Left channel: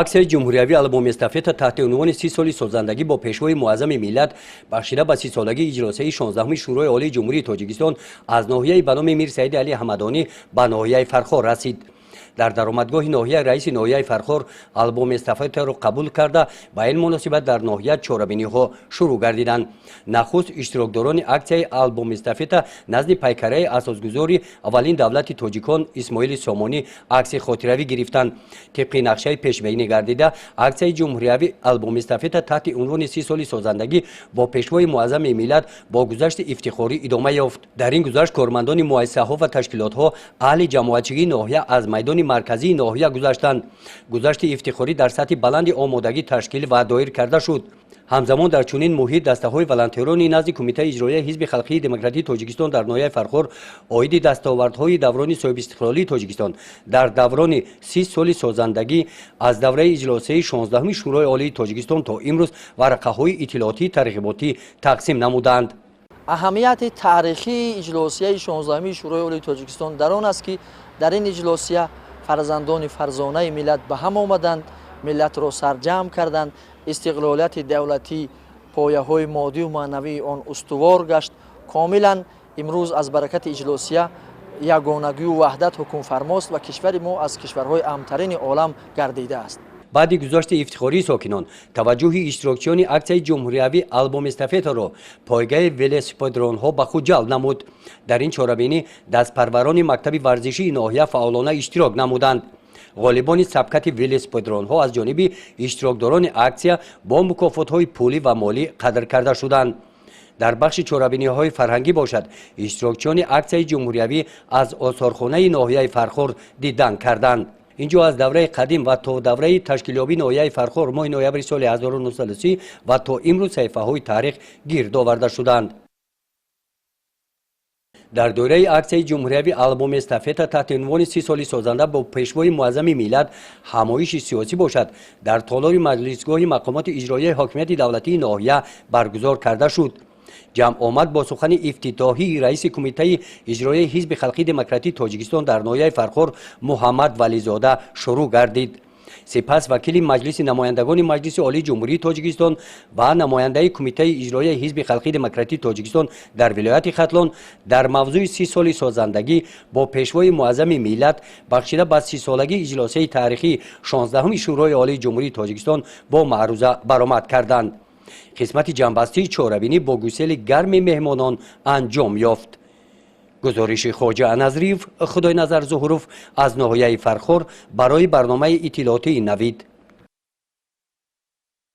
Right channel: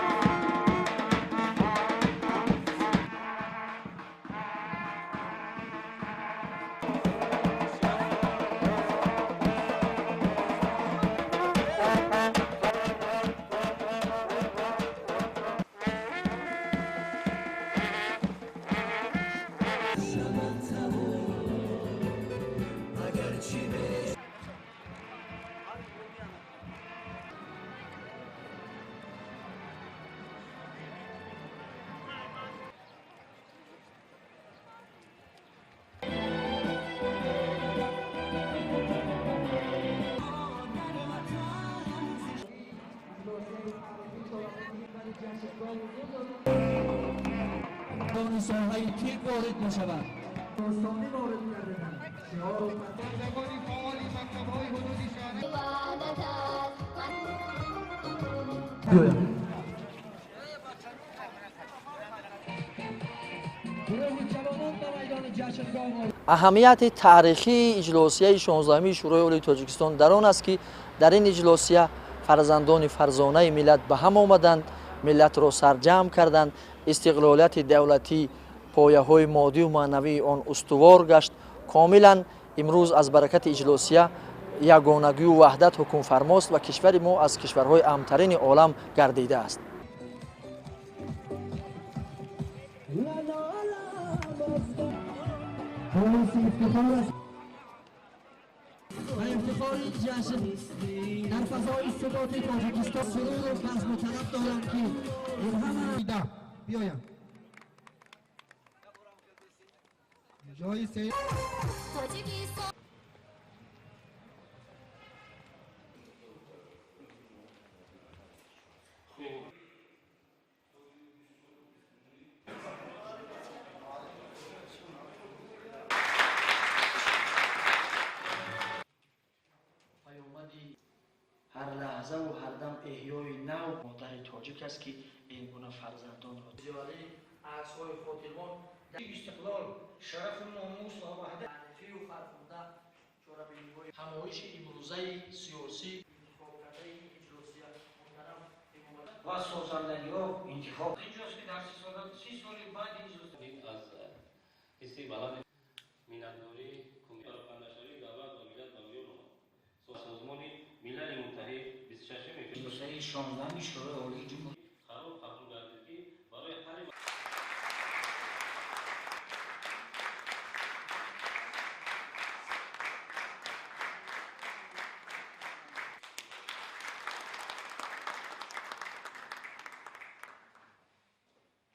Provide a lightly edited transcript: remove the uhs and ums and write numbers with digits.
аксияи ҷумҳуриявӣ албоми эстафета таҳти унвони 30 соли созандагӣ бо пешвои муаззами миллат бахшида ба 30-солагии иҷросиyaи 16-уми шӯрои олии ҷумҳурии тоҷикистон аз ноҳияи ба номи Мир Саиди Али Ҳамадонӣ ба ноҳияи Фархор расид. дар даромадгоҳи ноҳия раиси ноҳияи Фархор албоми эстафетаро қабул карда ба ин муносибат дар ноҳия чорабиниҳо шурӯъ гардиданд. нахуст иштирокдорони аксияи албоми эстафета назди пайкараи асосгузори аввалин давлати тоҷикон Исмоили Сомонӣ акси хотиравӣ гирифтанд. тибқи нақшаи пешбинӣ гардида аксияи ҷумҳуриявӣ албоми эстафета таҳти унвони 30 соли созандагӣ бо пешвои муаззами миллат бо гузашти ифтихорӣ идома ёфт. дар ин гузашт кормандони муассисаҳо ва ташкилотҳо аҳли ҷамоатчигии ноҳия аз майдони марказии ноҳия гузаштанд. гузашти ифтихорӣ дар сатҳи баланди омодагӣ ташкил ва доир карда шуд. ҳамзамон дар чунин муҳит дастаҳои волонтерони назди кумитаи иҷроияи ҳизби халқии демократии тоҷикистон дар ноҳияи Фархор оиди дастовардҳои даврони соҳибистиқлолии тоҷикистон дар даврони 30 соли созандагӣ аз давраи иҷросиyaи 16-уми шӯрои олии тоҷикистон то имрӯз варақаҳои иттилоотии тарғиботӣ тақсим намуданд. аҳамияти таърихии иҷлосияи 16-уми шӯрои олии тоҷикистон дар он аст ки дар ин иҷлосия фарзандони фарзонаи миллат ба ҳам омаданд, миллатро сарҷамъ карданд, истиқлолияти давлатӣ пояҳои моддию маънавии он устувор гашт. комилан имрӯз аз баракати иҷлосия ягонагию ваҳдат ҳукмфармост ва кишвари мо аз кишварҳои амнтарини олам гардидааст. баъди гузашти ифтихории сокинон таваҷҷӯҳи иштирокчиёни аксияи ҷумҳуриявӣ албоми эстафетаро пойгаи велосипедронҳо ба худ ҷалб намуд. дар ин чорабинӣ дастпарварони мактаби варзишии ноҳия фаъолона иштирок намуданд. ғолибони сабқати велосипедронҳо аз ҷониби иштирокдорони аксия бо мукофотҳои пулӣ ва молӣ қадр карда шуданд. дар бахши чорабиниҳои фарҳангӣ бошад иштирокчиёни аксияи ҷумҳуриявӣ аз осорхонаи ноҳияи Фархор дидан карданд. инҷо аз давраи қадим ва то давраи ташкилёбии ноҳияи Фархор моҳи ноябри соли 1930 ва то имрӯз саҳифаҳои таърих гирд оварда шуданд. дар доираи аксияи ҷумҳуриявӣ албоми эстафета таҳти унвони 30 соли созанда бо пешвои муаззами миллат ҳамоиши сиёсӣ бошад дар толори маҷлисгоҳи мақомоти иҷроияи ҳокимияти давлатии ноҳия баргузор карда шуд. ҷамъомад бо сухани ифтитоҳии раиси кумитаи иҷроияи ҳизби халқии демократии тоҷикистон дар ноҳияи Фархор Муҳаммад Вализода шурӯъ гардид. сипас вакили маҷлиси намояндагони маҷлиси олии ҷумҳурии тоҷикистон ва намояндаи кумитаи иҷроияи ҳизби халқии демократии тоҷикистон дар вилояти Хатлон дар мавзӯи 30 соли созандагӣ бо пешвои муаззами миллат бахшида ба 30-солагии иҷлосияи таърихии 16-уми шӯрои олии ҷумҳурии тоҷикистон бо маъруза баромад карданд. қисмати ҷамъбастии чорабинӣ бо гусели гарми меҳмонон анҷом ёфт. гузориши хоҷа Аназриев, Худойназар Зуҳуров аз ноҳияи Фархор барои барномаи иттилоотии Навид.